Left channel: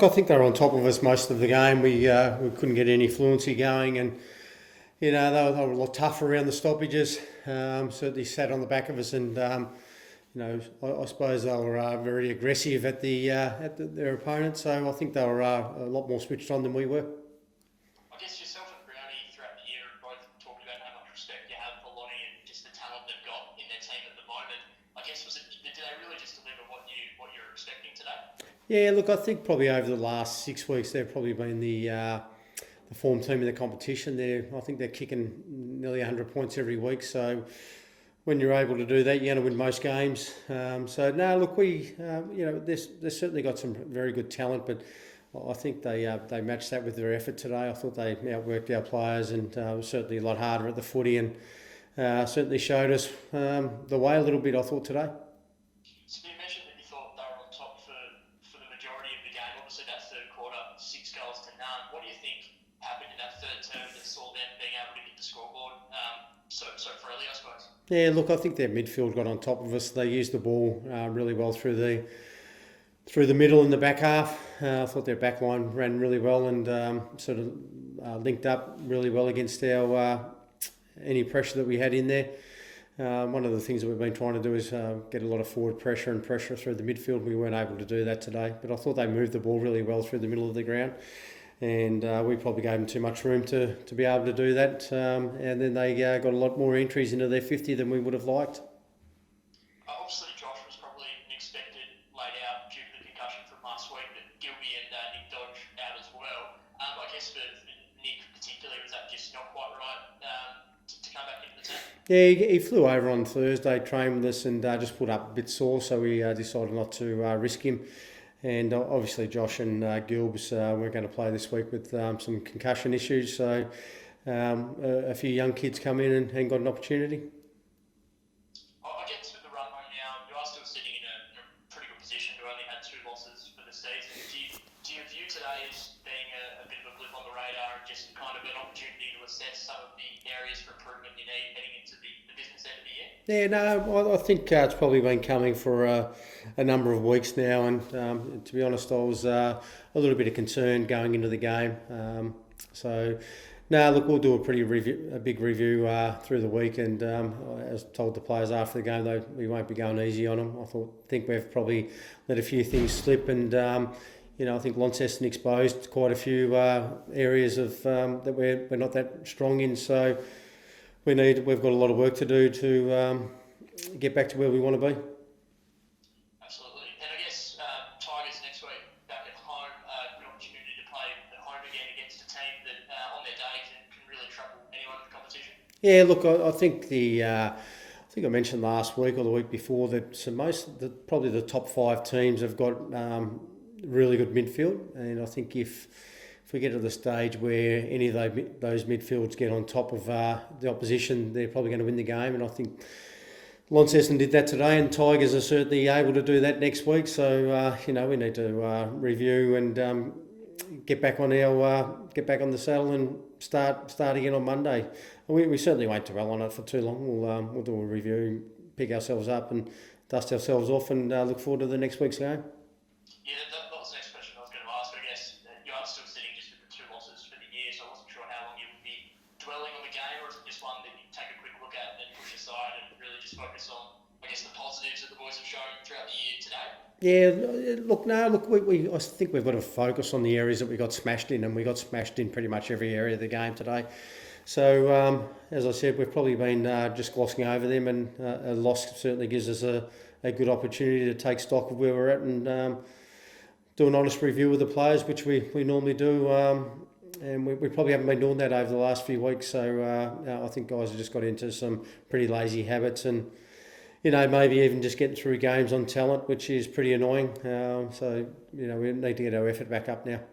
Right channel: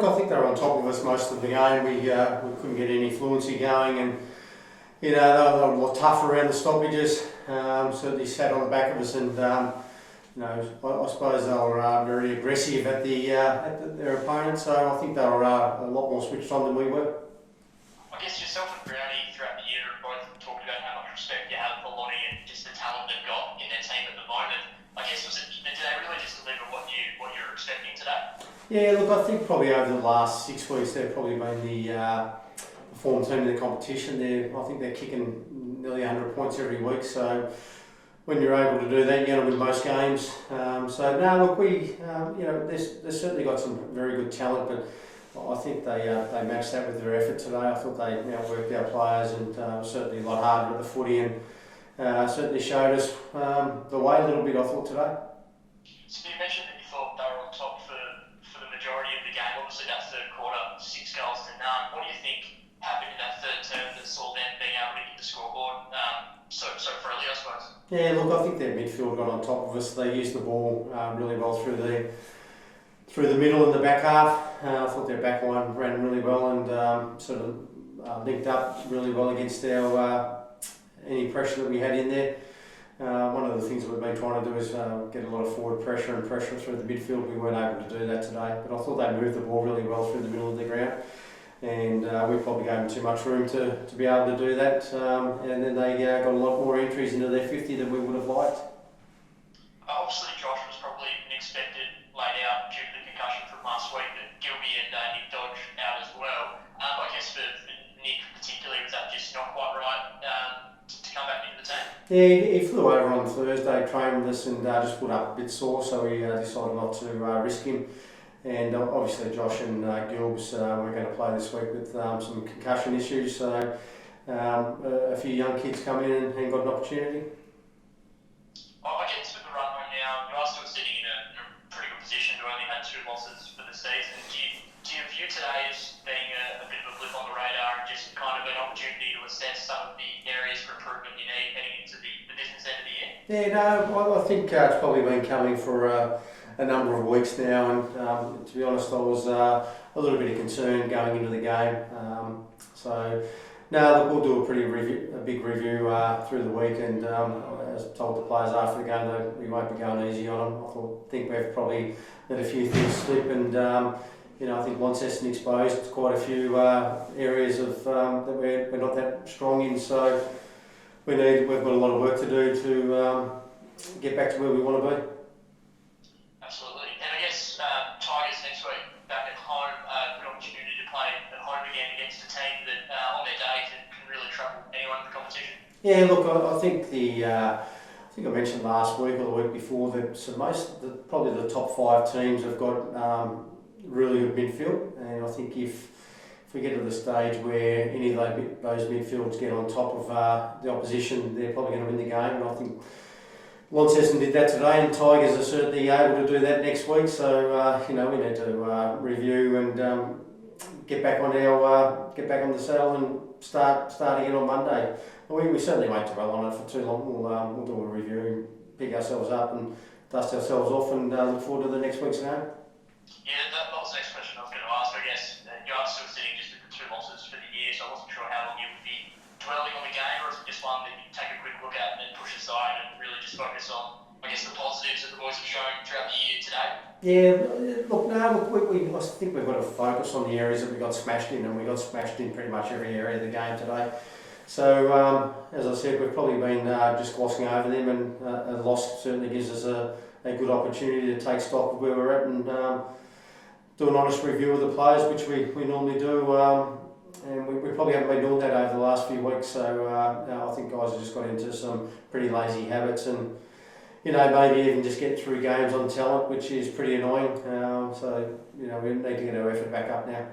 look, I think they were on top of us most of the game. We couldn't get any fluency going, and they were a lot tougher around the stoppages. Certainly sat on the back of us, and I suppose they were very aggressive at their opponents. So I think they were a lot more switched on than we were. I guess yourself and Brownie throughout the year have both talked about how much respect you have for Lonnie and just the talent they've got in their team at the moment. I guess did they really just deliver what you're expecting today? Yeah, look, I think probably over the last 6 weeks they've probably been the form team in the competition. I think they're kicking nearly 100 points every week. So when you're able to do that, you're going to win most games. They've certainly got some very good talent, but I think they matched that with their effort today. I thought they outworked our players, and certainly a lot harder at the footy, and certainly showed us the way a little bit, I thought, today. So you mentioned that you thought they were on top for the majority of the game. Obviously that third quarter, 6 goals to none. What do you think happened in that third term that saw them being able to hit the scoreboard so freely, I suppose? Yeah, look, I think their midfield got on top of us. They used the ball really well through the middle and the back half. I thought their back line ran really well and linked up really well against any pressure that we had in there. One of the things that we've been trying to do is get a lot of forward pressure and pressure through the midfield. We weren't able to do that today, but I thought they moved the ball really well through the middle of the ground, and we probably gave them too much room to be able to do that, and then they got a lot more entries into their 50 than we would have liked. Obviously Josh was probably an expected laid out due to the concussion from last week, but Gilby and Nick Dodge out as well. I guess for Nick particularly, was that just not quite right to come back into the team? Yeah, he flew over on Thursday, trained with us, and just put up a bit sore, so we decided not to risk him. And obviously Josh and Gilbs were going to play this week with some concussion issues, so a few young kids come in and got an opportunity. I guess with the run home now, you are still sitting in a pretty good position to only have 2 losses for the season. Do you view today as being a bit of a blip on the radar and just kind of an opportunity to assess some of the areas for improvement you need heading into the business end of the year? Yeah, no, I think it's probably been coming for a number of weeks now, and to be honest, I was a little bit of concern going into the game. We'll do a big review through the week, and as told the players after the game, we won't be going easy on them. I think we've probably let a few things slip, and I think Launceston exposed quite a few areas of that we're not that strong in. So we've got a lot of work to do to get back to where we want to be. Absolutely. And I guess Tigers next week back at home, good opportunity to play at home again against a team that on their day can really trouble anyone in the competition. Yeah, look, I think I mentioned last week or the week before that probably the top 5 teams have got really good midfield, and I think if we get to the stage where any of those midfields get on top of the opposition, they're probably going to win the game, and I think Launceston did that today, and Tigers are certainly able to do that next week. So we need to review and get back on the saddle and start again on Monday. We certainly won't dwell on it for too long. We'll do a review, pick ourselves up, and dust ourselves off, and look forward to the next week's game. Yeah, that was the next question I was going to ask. I guess you are still sitting just with the 2 losses for the year, so I wasn't sure how long you would be dwelling on the game, or is it just one that you take a quick look at and then push aside and really just focus on, I guess, the positives that the boys have shown throughout the year today? Yeah, I think we've got to focus on the areas that we got smashed in, and we got smashed in pretty much every area of the game today. So, as I said, we've probably been just glossing over them, and a loss certainly gives us a good opportunity to take stock of where we're at and do an honest review of the players, which we normally do, and we probably haven't been doing that over the last few weeks. So I think guys have just got into some pretty lazy habits, and maybe even just getting through games on talent, which is pretty annoying. So we need to get our effort back up now. And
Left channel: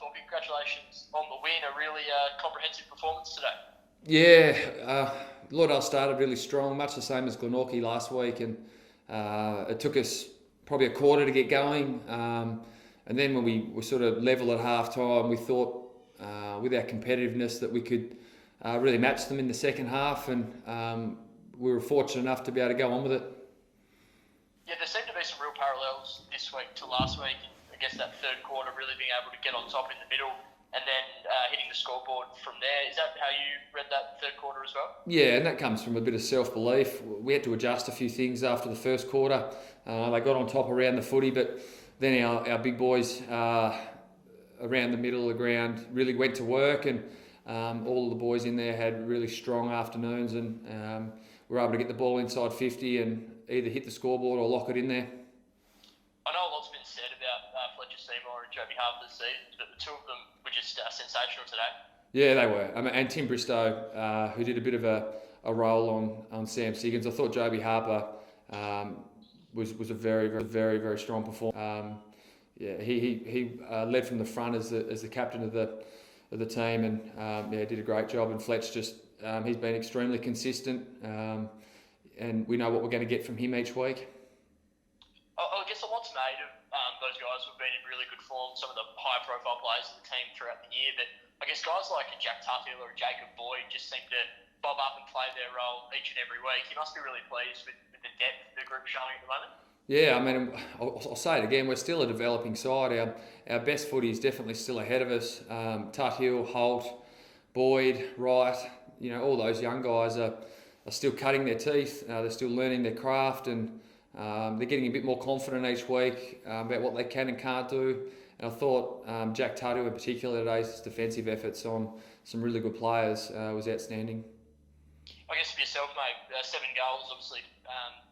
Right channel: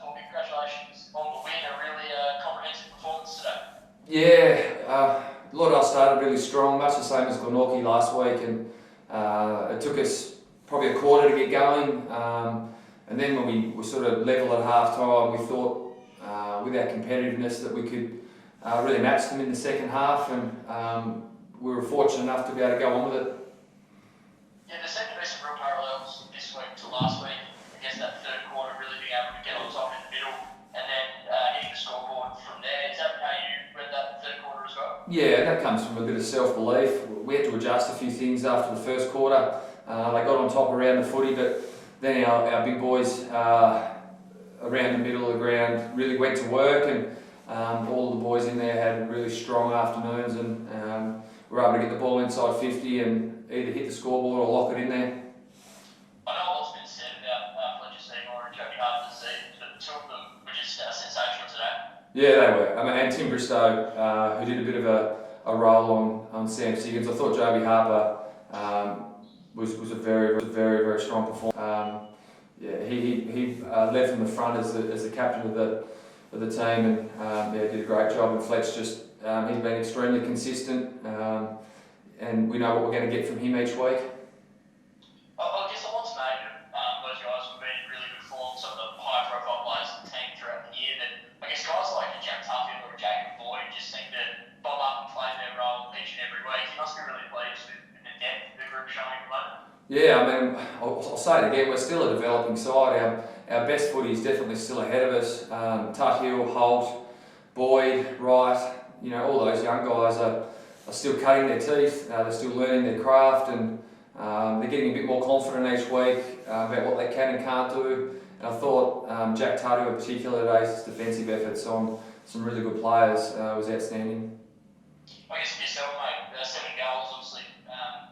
Thorp, congratulations on the win, a really comprehensive performance today. Yeah, Lauderdale started really strong, much the same as Glenorchy last week, and it took us probably a quarter to get going, and then when we were sort of level at half time, we thought with our competitiveness that we could really match them in the second half, and we were fortunate enough to be able to go on with it. Yeah, there seemed to be some real parallels this week to last week. I guess that third quarter get on top in the middle, and then hitting the scoreboard from there. Is that how you read that third quarter as well? Yeah, and that comes from a bit of self-belief. We had to adjust a few things after the first quarter. They got on top around the footy, but then our big boys around the middle of the ground really went to work, and all of the boys in there had really strong afternoons, and were able to get the ball inside 50 and either hit the scoreboard or lock it in there. I know a lot's been said about Fletcher Seymour and Joey Harper this season, but the two of them were just sensational today. Yeah, they were. And Tim Bristow, who did a bit of a role on Sam Siggins. I thought Joby Harper was a very strong performer. He led from the front as the captain of the team, and did a great job. And Fletch just he's been extremely consistent, and we know what we're going to get from him each week. I guess a lot's made of those guys have been in really good form, some of the high profile players in the team throughout the year, but I guess guys like Jack Tuthill or Jacob Boyd just seem to bob up and play their role each and every week. You must be really pleased with the depth the group's showing at the moment. Yeah, I mean, I'll say it again, we're still a developing side. Our best footy is definitely still ahead of us. Tuthill, Holt, Boyd, Wright, all those young guys are still cutting their teeth, they're still learning their craft, and they're getting a bit more confident each week about what they can and can't do. And I thought Jack Tuthill in particular today's defensive efforts on some really good players was outstanding. I guess for yourself, mate, 7 goals obviously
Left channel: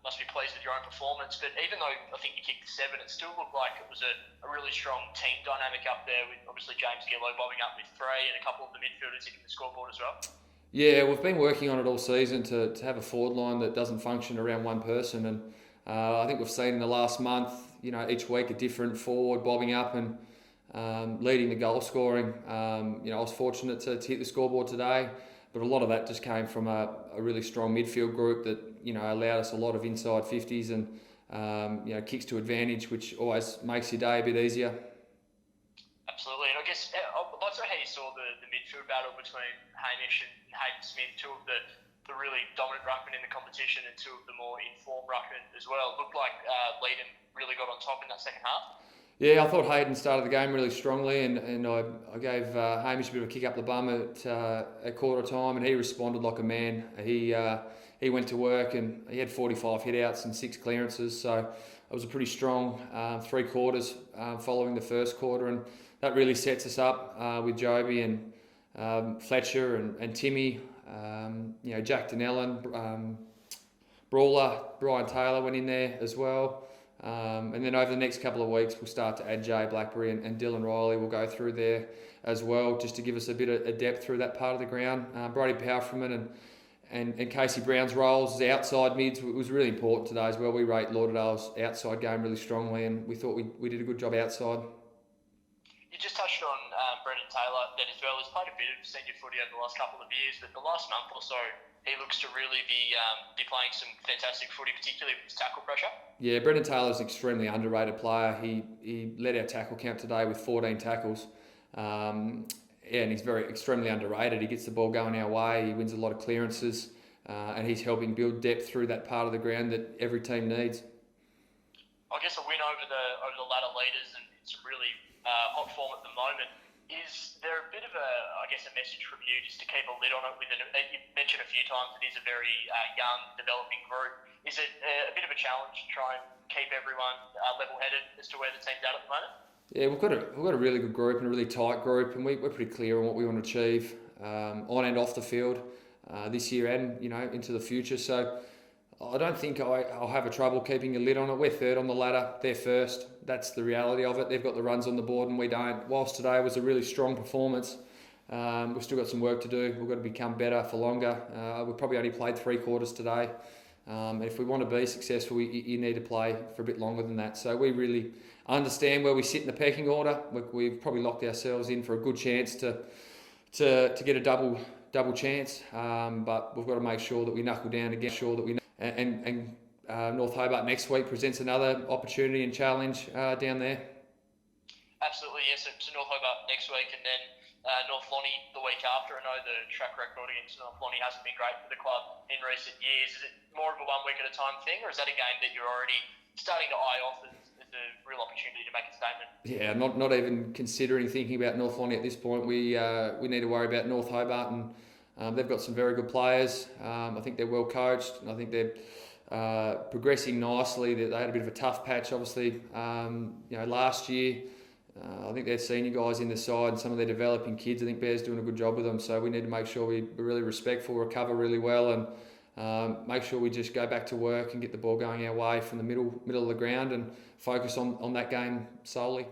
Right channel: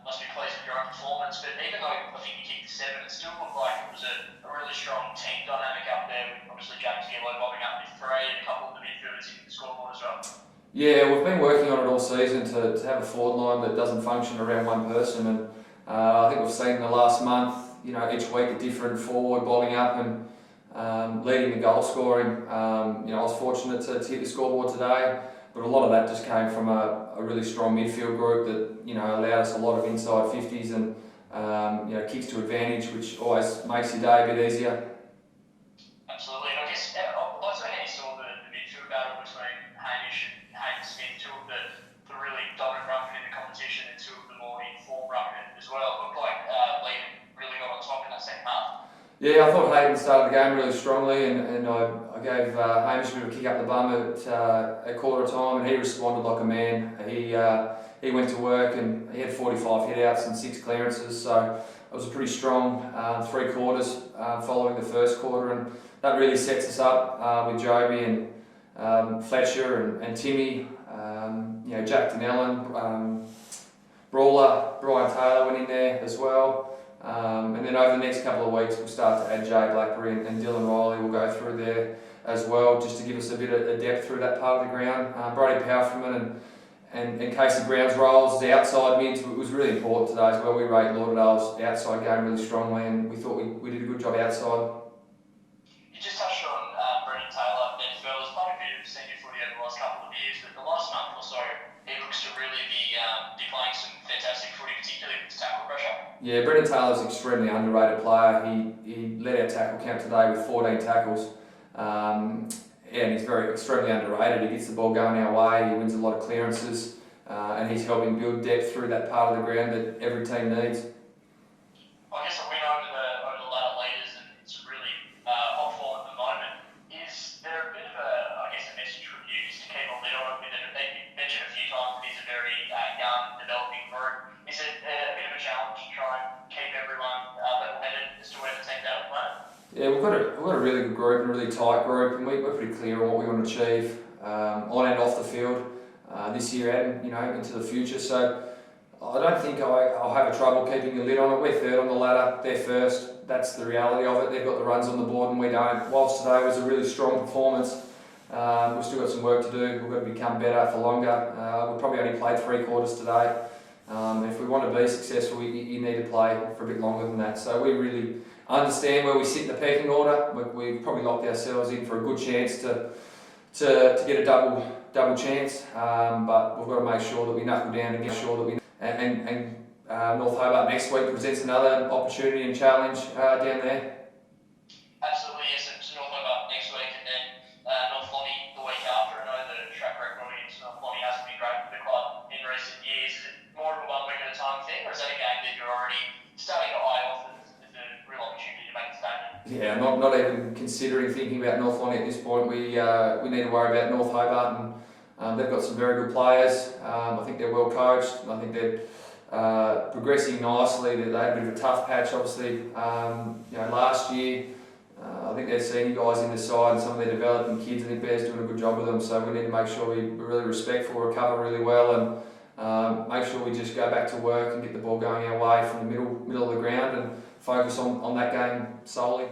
must be pleased with your own performance, but even though I think you kicked 7, it still looked like it was a really strong team dynamic up there, with obviously James Gillow bobbing up with 3 and a couple of the midfielders hitting the scoreboard as well. Yeah, we've been working on it all season to have a forward line that doesn't function around one person, and I think we've seen in the last month, each week a different forward bobbing up and leading the goal scoring. I was fortunate to hit the scoreboard today, but a lot of that just came from a really strong midfield group that allowed us a lot of inside 50s and kicks to advantage, which always makes your day a bit easier. Absolutely, and I guess I'd like to know how you saw the midfield battle between Hamish and Hayden Smith, two of the really dominant ruckmen in the competition and two of the more informed ruckmen as well. It looked like Leiden really got on top in that second half. Yeah, I thought Hayden started the game really strongly, and I gave Hamish a bit of a kick up the bum at quarter time, and he responded like a man. He went to work, and he had 45 hit-outs and 6 clearances, so it was a pretty strong 3 quarters following the first quarter, and that really sets us up with Joby and Fletcher and Timmy, Jack Donnellan, Brawler, Brian Taylor went in there as well. And then over the next couple of weeks, we'll start to add Jay Blackberry and Dylan Riley will go through there as well, just to give us a bit of depth through that part of the ground. Brody Palfreyman and Casey Brown's roles as outside mids was really important today as well. We rate Lauderdale's outside game really strongly, and we thought we did a good job outside. You just touched on Brendan Taylor then as well. He's played a bit of senior footy over the last couple of years, but the last month or so, he looks to really be playing some fantastic footy, particularly with his tackle pressure. Yeah, Brendan Taylor's an extremely underrated player. He led our tackle count today with 14 tackles. And he's extremely underrated. He gets the ball going our way, he wins a lot of clearances, and he's helping build depth through that part of the ground that every team needs. I guess a win over the ladder leaders and some really hot form at the moment. Is there a bit of a message from you just to keep a lid on it? You mentioned a few times that he's a very young, developing group. Is it a bit of a challenge to try and keep everyone level-headed as to where the team's at the moment? Yeah, we've got a really good group and a really tight group, and we're pretty clear on what we want to achieve on and off the field this year and into the future. So I don't think I'll have a trouble keeping a lid on it. We're third on the ladder, they're first. That's the reality of it. They've got the runs on the board and we don't. Whilst today was a really strong performance, we've still got some work to do. We've got to become better for longer. We've probably only played 3 quarters today. And if we want to be successful, you need to play for a bit longer than that. So we really understand where we sit in the pecking order. We've probably locked ourselves in for a good chance to get a double chance, but we've got to make sure that we knuckle down and get sure that we and North Hobart next week presents another opportunity and challenge down there. Absolutely, yes. So North Hobart next week, and then North Lonnie the week after. I know the track record against North Lonnie hasn't been great for the club in recent years. Is it more of a 1 week at a time thing, or is that a game that you're already starting to eye off as a real opportunity to make a statement? Yeah, not even considering thinking about North Lonnie at this point. We need to worry about North Hobart, and they've got some very good players. I think they're well coached, and I think they're progressing nicely. They had a bit of a tough patch, obviously. Last year, I think their senior guys in the side and some of their developing kids. I think Bear's doing a good job with them. So we need to make sure we're really respectful, recover really well, and make sure we just go back to work and get the ball going our way from the middle of the ground and focus on that game solely.